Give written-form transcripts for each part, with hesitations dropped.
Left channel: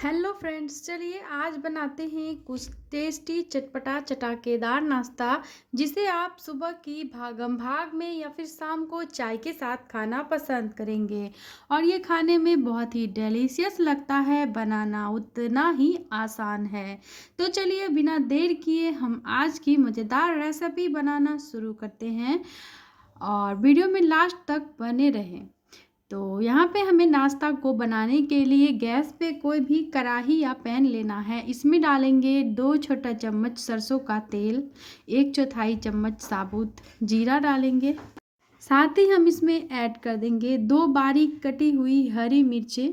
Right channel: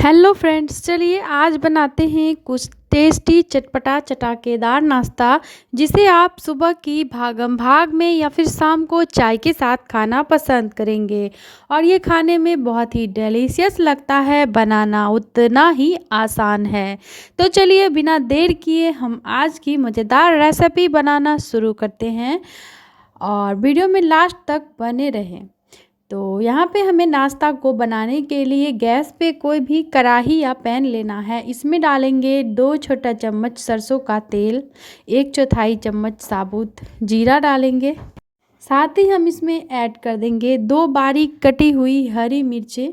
Hello friends, चलिए आज बनाते हैं कुछ टेस्टी चटपटा चटाकेदार नाश्ता जिसे आप सुबह की भागम भाग में या फिर शाम को चाय के साथ खाना पसंद करेंगे। और ये खाने में बहुत ही डिलीशियस लगता है, बनाना उतना ही आसान है। तो चलिए बिना देर किए हम आज की मज़ेदार रेसिपी बनाना शुरू करते हैं और वीडियो में लास्ट तक बने रहें। तो यहाँ पे हमें नाश्ता को बनाने के लिए गैस पे कोई भी कढ़ाई या पैन लेना है। इसमें डालेंगे 2 छोटा चम्मच सरसों का तेल, 1/4 चम्मच साबुत जीरा डालेंगे। साथ ही हम इसमें ऐड कर देंगे 2 बारीक कटी हुई हरी मिर्चें।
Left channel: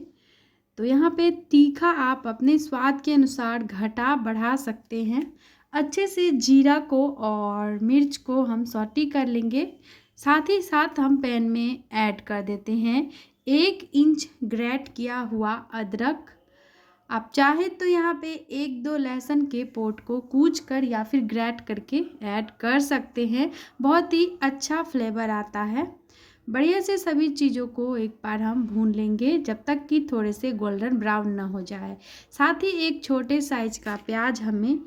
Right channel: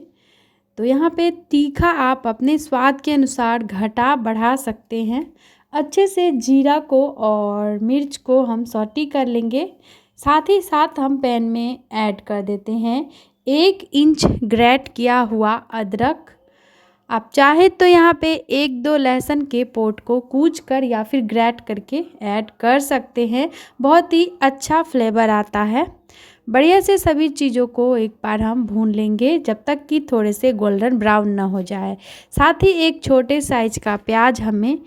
तो यहाँ पे तीखा आप अपने स्वाद के अनुसार घटा बढ़ा सकते हैं। अच्छे से जीरा को और मिर्च को हम सौटी कर लेंगे। साथ ही साथ हम पैन में ऐड कर देते हैं 1 इंच ग्रेट किया हुआ अदरक। आप चाहे तो यहाँ पे 1-2 लहसुन के पोट को कूच कर या फिर ग्रेट करके ऐड कर सकते हैं, बहुत ही अच्छा फ्लेवर आता है। बढ़िया से सभी चीज़ों को एक बार हम भून लेंगे जब तक कि थोड़े से गोल्डन ब्राउन ना हो जाए। साथ ही एक छोटे साइज का प्याज हमें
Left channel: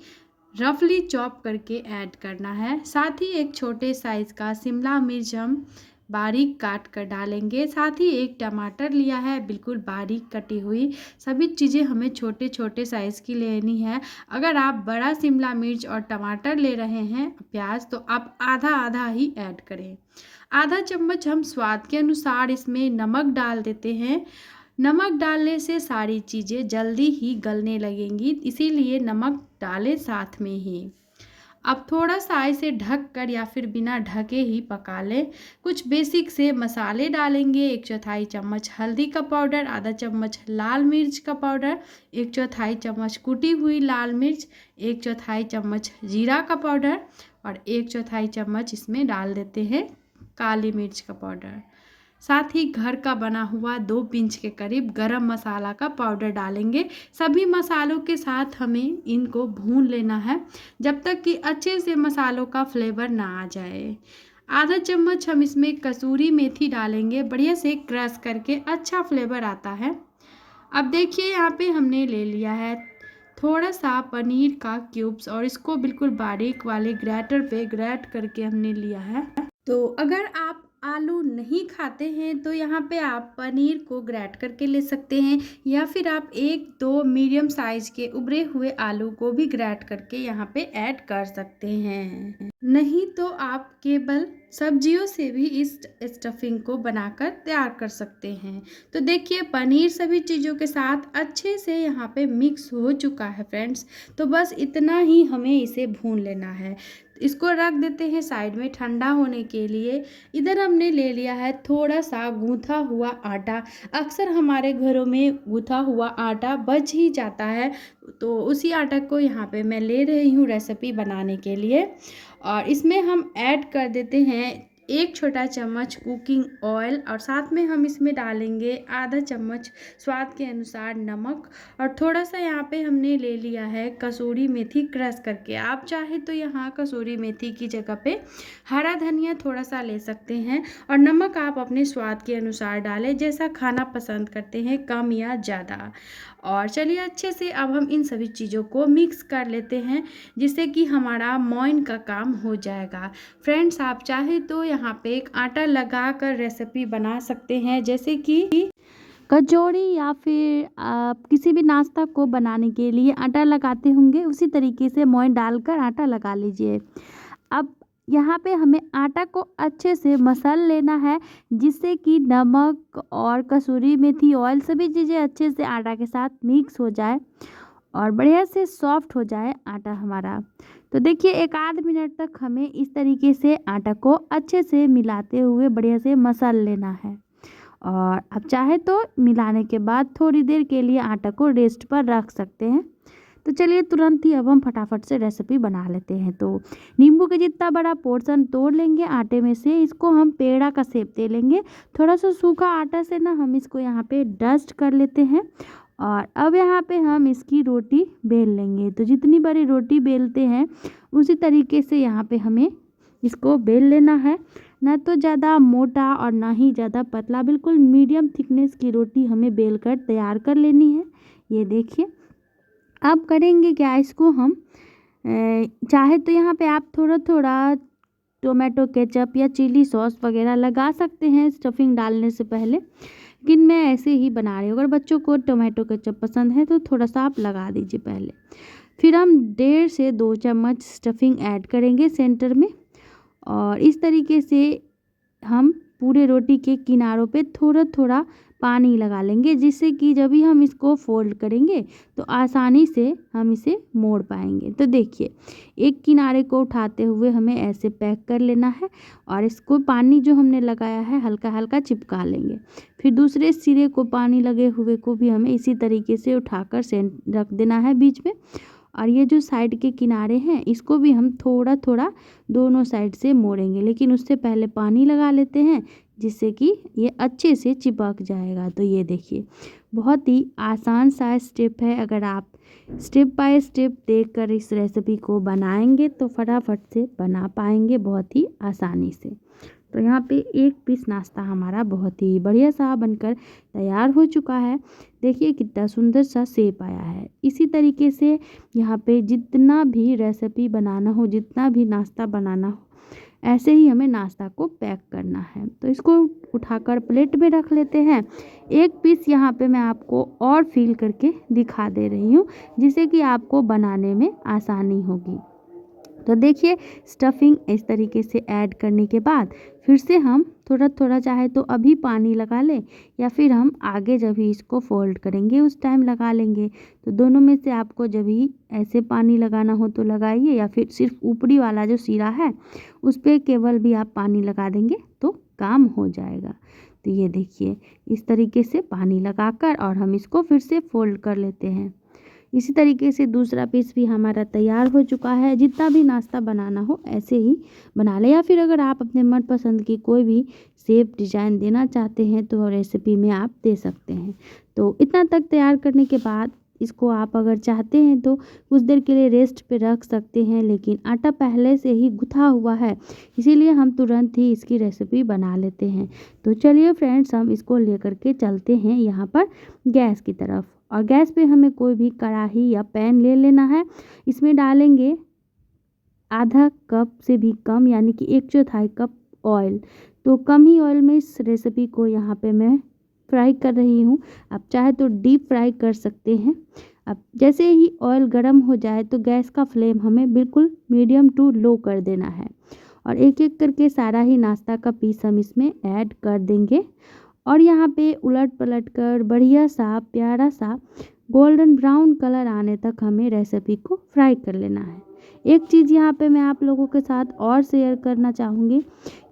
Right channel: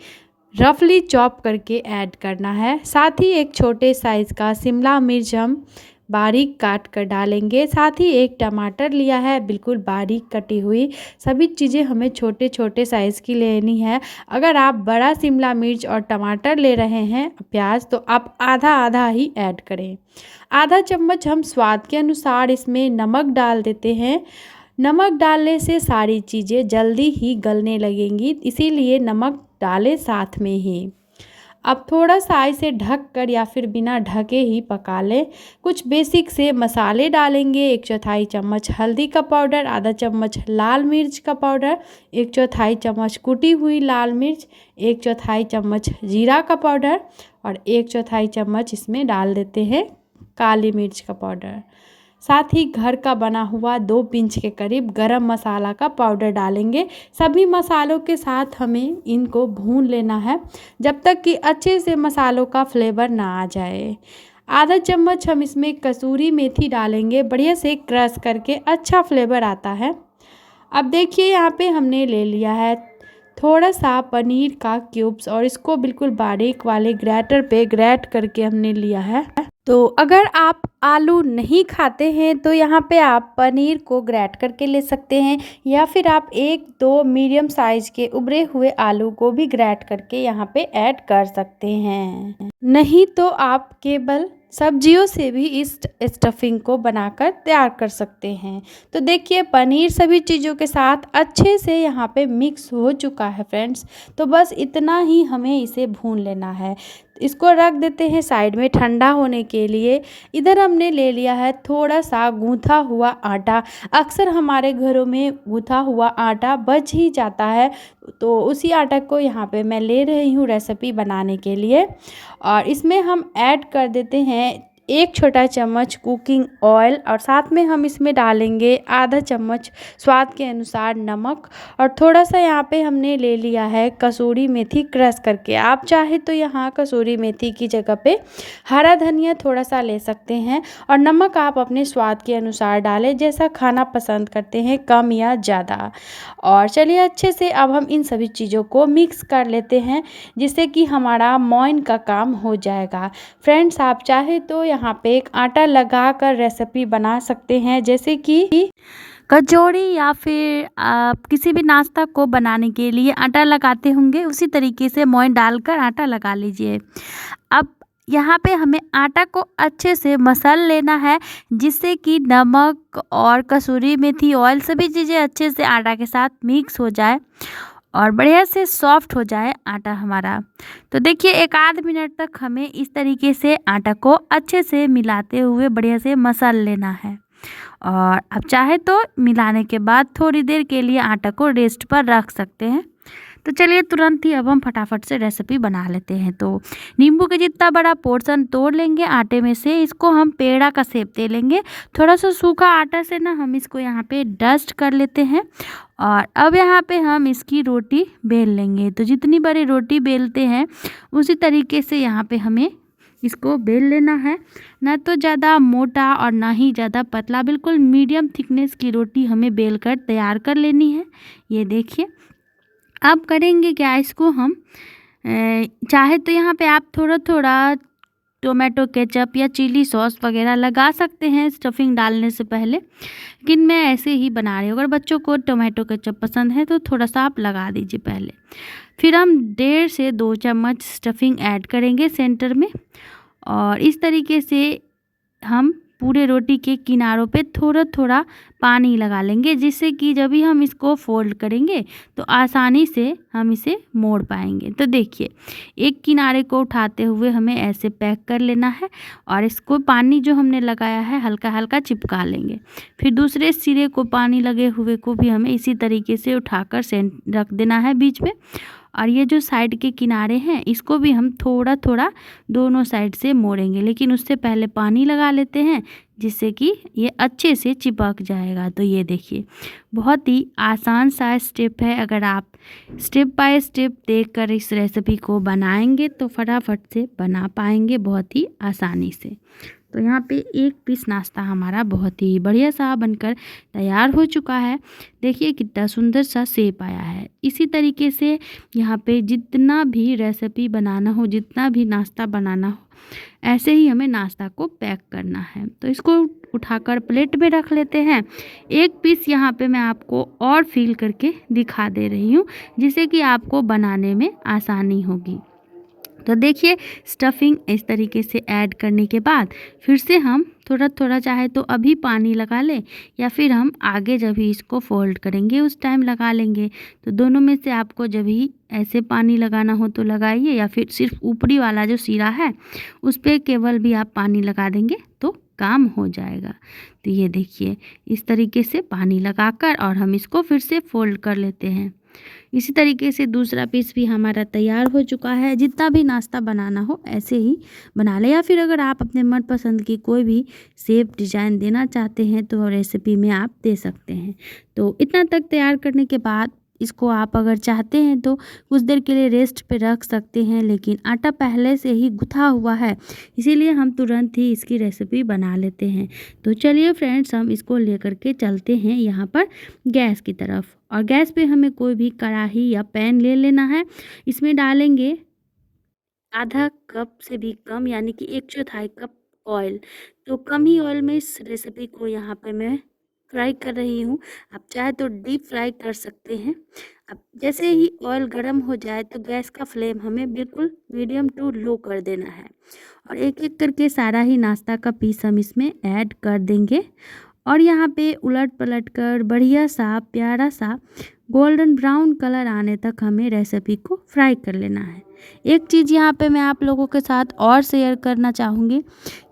रफली चॉप करके ऐड करना है। साथ ही एक छोटे साइज़ का शिमला मिर्च हम बारीक काट कर डालेंगे। साथ ही एक टमाटर लिया है बिल्कुल बारीक कटी हुई। सभी चीज़ें हमें छोटे छोटे साइज़ की लेनी है। अगर आप बड़ा शिमला मिर्च और टमाटर ले रहे हैं प्याज, तो आप आधा आधा ही ऐड करें। आधा चम्मच हम स्वाद के अनुसार इसमें नमक डाल देते हैं। नमक डालने से सारी चीज़ें जल्दी ही गलने लगेंगी, इसीलिए नमक डालें साथ में ही। अब थोड़ा सा इसे ढक कर या फिर बिना ढके ही पका लें। कुछ बेसिक से मसाले डालेंगे। 1/4 चम्मच हल्दी का पाउडर, आधा चम्मच लाल मिर्च का पाउडर, 1/4 चम्मच कुटी हुई लाल मिर्च, 1/4 चम्मच जीरा का पाउडर और 1/4 चम्मच इसमें डाल देते हैं काली मिर्च का पाउडर। साथ ही घर का बना हुआ 2 पिंच के करीब गरम मसाला का पाउडर डालेंगे। सभी मसालों के साथ हमें इनको भून लेना है जब तक कि अच्छे से मसालों का फ्लेवर ना आ जाए। आधा चम्मच हम इसमें कसूरी मेथी डालेंगे, बढ़िया से क्रश करके अच्छा फ्लेवर आता है। अब देखिए यहाँ पे हमने ले लिया है थोड़ा सा पनीर का क्यूब्स और इसको बिल्कुल बारीक वाले ग्रेटर पे ग्रेट करके हमने लिया है। तो अगर आप आलू नहीं खाते हैं तो यहाँ पे आप पनीर को ग्रेट करके ले सकते हैं या फिर आप 1-2 मीडियम साइज़ के उबले हुए आलू को भी ग्रेट करके यहाँ पे ऐड कर सकते हैं। नहीं तो आप केवल सब्जियों से भी इस स्टफिंग को बनाकर तैयार कर सकते हैं। तो देखिए पनीर सभी चीज़ों के साथ अच्छे से यहाँ पे मिक्स हो चुका है फ्रेंड्स। तो बस इतना ही हमें इसे भून लेना है। इसको रख देते हैं साइड में ठंडा होने के लिए। इधर हमने ले लिया है थोड़ा सा गूँथा हुआ आटा। अक्सर हमारे घरों में गूँथा हुआ आटा बच ही जाता है, तो उसी आटा को यहाँ पे मैं ले रही हूँ रेसिपी बनाने के लिए। और इसमें हम ऐड कर देते हैं 1 छोटा चम्मच कुकिंग ऑयल और साथ में हम इसमें डालेंगे आधा चम्मच स्वाद के अनुसार नमक और थोड़ा सा यहाँ पे हमने ले लिया है कसूरी मेथी क्रश करके। आप चाहे तो यहाँ कसूरी मेथी की जगह पे हरा धनिया थोड़ा सा ले सकते हैं और नमक आप अपने स्वाद के अनुसार डालें, जैसा खाना पसंद करते हैं कम या ज़्यादा। और चलिए अच्छे से अब हम इन सभी चीज़ों को मिक्स कर लेते हैं जिससे कि हमारा मोइन का काम हो जाएगा। फ्रेंड्स आप चाहे तो यहाँ पे एक आटा लगा कर रेसिपी बना सकते हैं, जैसे कि कचौड़ी या फिर आप किसी भी नाश्ता को बनाने के लिए आटा लगाते होंगे, उसी तरीके से मोइन डालकर आटा लगा लीजिए। अब यहाँ पे हमें आटा को अच्छे से मसल लेना है जिससे कि नमक और कसूरी मेथी ऑयल सभी चीज़ें अच्छे से आटा के साथ मिक्स हो जाए और बढ़िया से सॉफ्ट हो जाए आटा हमारा। तो देखिए 1 आध मिनट तक हमें इस तरीके से आटा को अच्छे से मिलाते हुए बढ़िया से मसल लेना है। और अब चाहे तो मिलाने के बाद थोड़ी देर के लिए आटा को रेस्ट पर रख सकते हैं। तो चलिए तुरंत ही अब हम फटाफट से रेसिपी बना लेते हैं। तो नींबू के जितना बड़ा पोर्शन तोड़ लेंगे आटे में से, इसको हम पेड़ा का शेप दे लेंगे। थोड़ा सा सूखा आटा से ना हम इसको यहाँ पे डस्ट कर लेते हैं और अब यहाँ पे हम इसकी रोटी बेल लेंगे। तो जितनी बड़ी रोटी बेलते हैं उसी तरीके से यहाँ पे हमें इसको बेल लेना है। ना तो ज़्यादा मोटा और ना ही ज़्यादा पतला, बिल्कुल मीडियम थिकनेस की रोटी हमें बेल कर तैयार कर लेनी है। ये देखिए, अब करेंगे क्या, इसको हम चाहे तो यहाँ पे आप थोड़ा थोड़ा टोमेटो केचप या चिली सॉस वगैरह लगा सकते हैं स्टफिंग डालने से पहले, लेकिन मैं ऐसे ही बना रही हूँ। अगर बच्चों को टोमेटो केचप पसंद है तो थोड़ा सा आप लगा दीजिए पहले। फिर हम 1.5 से 2 चम्मच स्टफिंग ऐड करेंगे सेंटर में, और इस तरीके से हम पूरे रोटी के किनारों पे थोड़ा थोड़ा पानी लगा लेंगे, जिससे कि जब भी हम इसको फोल्ड करेंगे तो आसानी से हम इसे मोड़ पाएंगे। तो देखिए, एक किनारे को उठाते हुए हमें ऐसे पैक कर लेना है, और इसको पानी जो हमने लगाया है हल्का हल्का चिपका लेंगे। फिर दूसरे सिरे को पानी लगे हुए को भी हमें इसी तरीके से उठाकर रख देना है बीच में, और ये जो साइड के किनारे हैं इसको भी हम थोड़ा थोड़ा दोनों साइड से मोड़ेंगे, लेकिन उससे पहले पानी लगा लेते हैं जिससे कि ये अच्छे से चिपक जाएगा। तो ये देखिए, बहुत ही आसान सा स्टेप है। अगर आप स्टेप बाय स्टेप देखकर इस रेसिपी को बनाएंगे तो फटाफट से बना पाएंगे बहुत ही आसानी से। तो यहाँ पे एक पीस नाश्ता हमारा बहुत ही बढ़िया सा बनकर तैयार हो चुका है। देखिए कितना सुंदर सा शेप आया है। इसी तरीके से यहाँ पे जितना भी रेसिपी बनाना हो, जितना भी नाश्ता बनाना हो, ऐसे ही हमें नाश्ता को पैक करना है। तो इसको उठाकर प्लेट में रख लेते हैं। एक पीस यहाँ पे मैं आपको और फिल करके दिखा दे रही हूँ, जिससे कि आपको बनाने में आसानी होगी। तो देखिए, स्टफिंग इस तरीके से ऐड करने के बाद फिर से हम थोड़ा थोड़ा चाहे तो अभी पानी लगा लें, या फिर हम आगे जब भी इसको फोल्ड करेंगे उस टाइम लगा लेंगे। तो दोनों में से आपको जब भी ऐसे पानी लगाना हो तो लगाइए, या फिर सिर्फ ऊपरी वाला जो सिरा है उस पर केवल भी आप पानी लगा देंगे तो काम हो जाएगा। तो ये देखिए, इस तरीके से पानी लगाकर और हम इसको फिर से फोल्ड कर लेते हैं। इसी तरीके से दूसरा पीस भी हमारा तैयार हो चुका है। जितना भी नाश्ता बनाना हो ऐसे ही बना लें, या फिर अगर आप अपने मनपसंद की कोई भी शेप डिज़ाइन देना चाहते हैं तो रेसिपी में आप दे सकते हैं। तो इतना तक तैयार करने के बाद इसको आप अगर चाहते हैं तो कुछ देर के लिए रेस्ट पे रख सकते हैं, लेकिन आटा पहले से ही गुथा हुआ है, इसीलिए हम तुरंत ही इसकी रेसिपी बना लेते हैं। तो चलिए फ्रेंड्स, हम इसको लेकर के चलते हैं यहाँ पर गैस की तरफ, और गैस पे हमें कोई भी कढ़ाई या पैन ले लेना है। इसमें डालेंगे आधा कप से भी कम, यानी कि 1/4 कप ऑयल। तो कम ही ऑयल में इस रेसिपी को यहाँ पे मैं फ्राई कर रही हूँ। आप चाहे तो डीप फ्राई कर सकते हैं। अब जैसे ही ऑयल गर्म हो जाए तो गैस का फ्लेम हमें बिल्कुल मीडियम टू लो कर देना है, और एक एक करके सारा ही नाश्ता का पीस हम इसमें ऐड कर देंगे, और यहाँ पे उलट पलट कर बढ़िया सा प्यारा सा गोल्डन ब्राउन कलर आने तक हमें रेसिपी को फ्राई कर लेना है। एक चीज़ यहाँ पे मैं आप लोगों के साथ और शेयर करना चाहूँगी,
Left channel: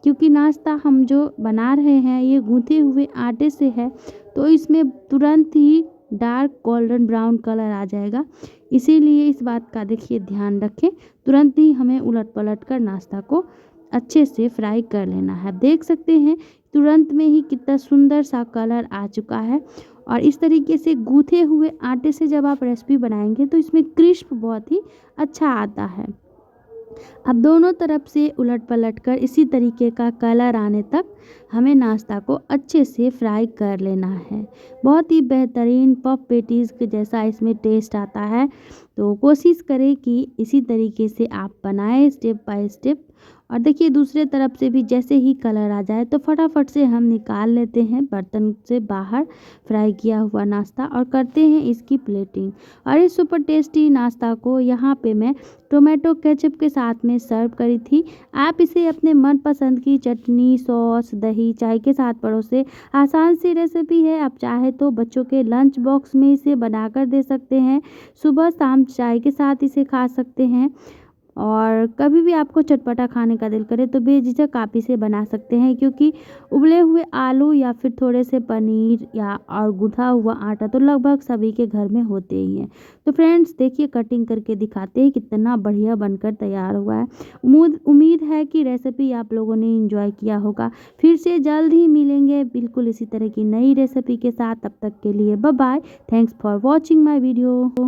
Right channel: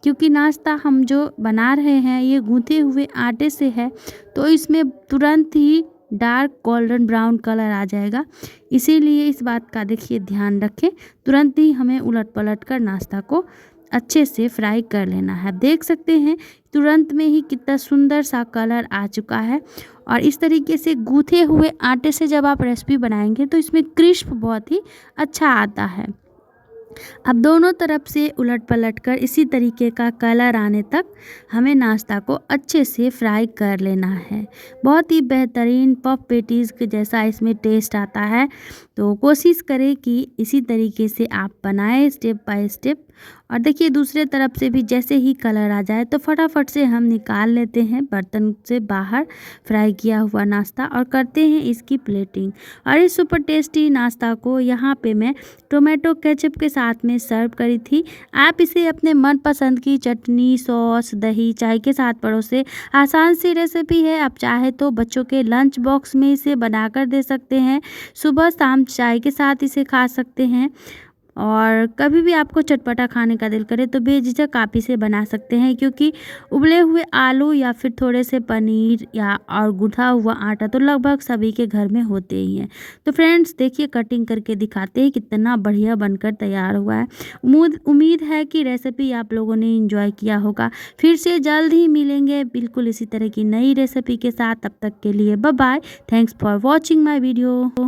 क्योंकि नाश्ता हम जो बना रहे हैं ये गूँथे हुए आटे से है, तो इसमें तुरंत ही डार्क गोल्डन ब्राउन कलर आ जाएगा। इसीलिए इस बात का देखिए ध्यान रखें, तुरंत ही हमें उलट पलट कर नाश्ता को अच्छे से फ्राई कर लेना है। देख सकते हैं तुरंत में ही कितना सुंदर सा कलर आ चुका है, और इस तरीके से गूँथे हुए आटे से जब आप रेसिपी बनाएंगे तो इसमें क्रिस्प बहुत ही अच्छा आता है। अब दोनों तरफ से उलट पलट कर इसी तरीके का कलर आने तक हमें नाश्ता को अच्छे से फ्राई कर लेना है। बहुत ही बेहतरीन पफ पेटीज़ के जैसा इसमें टेस्ट आता है। तो कोशिश करें कि इसी तरीके से आप बनाएं स्टेप बाय स्टेप। और देखिए, दूसरे तरफ से भी जैसे ही कलर आ जाए तो फटाफट से हम निकाल लेते हैं बर्तन से बाहर फ्राई किया हुआ नाश्ता, और करते हैं इसकी प्लेटिंग। और इस सुपर टेस्टी नाश्ता को यहाँ पे मैं टोमेटो केचप के साथ में सर्व करी थी। आप इसे अपने मनपसंद की चटनी, सॉस, दही, चाय के साथ परोसे। आसान सी रेसिपी है। आप चाहे तो बच्चों के लंच बॉक्स में इसे बनाकर दे सकते हैं। सुबह शाम चाय के साथ इसे खा सकते हैं, और कभी भी आपको चटपटा खाने का दिल करे तो बेझिझक आप इसे बना सकते हैं, क्योंकि उबले हुए आलू या फिर थोड़े से पनीर या और गूँथा हुआ आटा तो लगभग सभी के घर में होते ही हैं। तो फ्रेंड्स देखिए, कटिंग करके दिखाते हैं कितना बढ़िया बनकर तैयार हुआ है। उम्मीद है कि रेसिपी आप लोगों ने एंजॉय किया होगा। फिर से जल्द ही मिलेंगे बिल्कुल इसी तरह की नई रेसिपी के साथ। तब तक के लिए bye bye. Thanks for watching my video.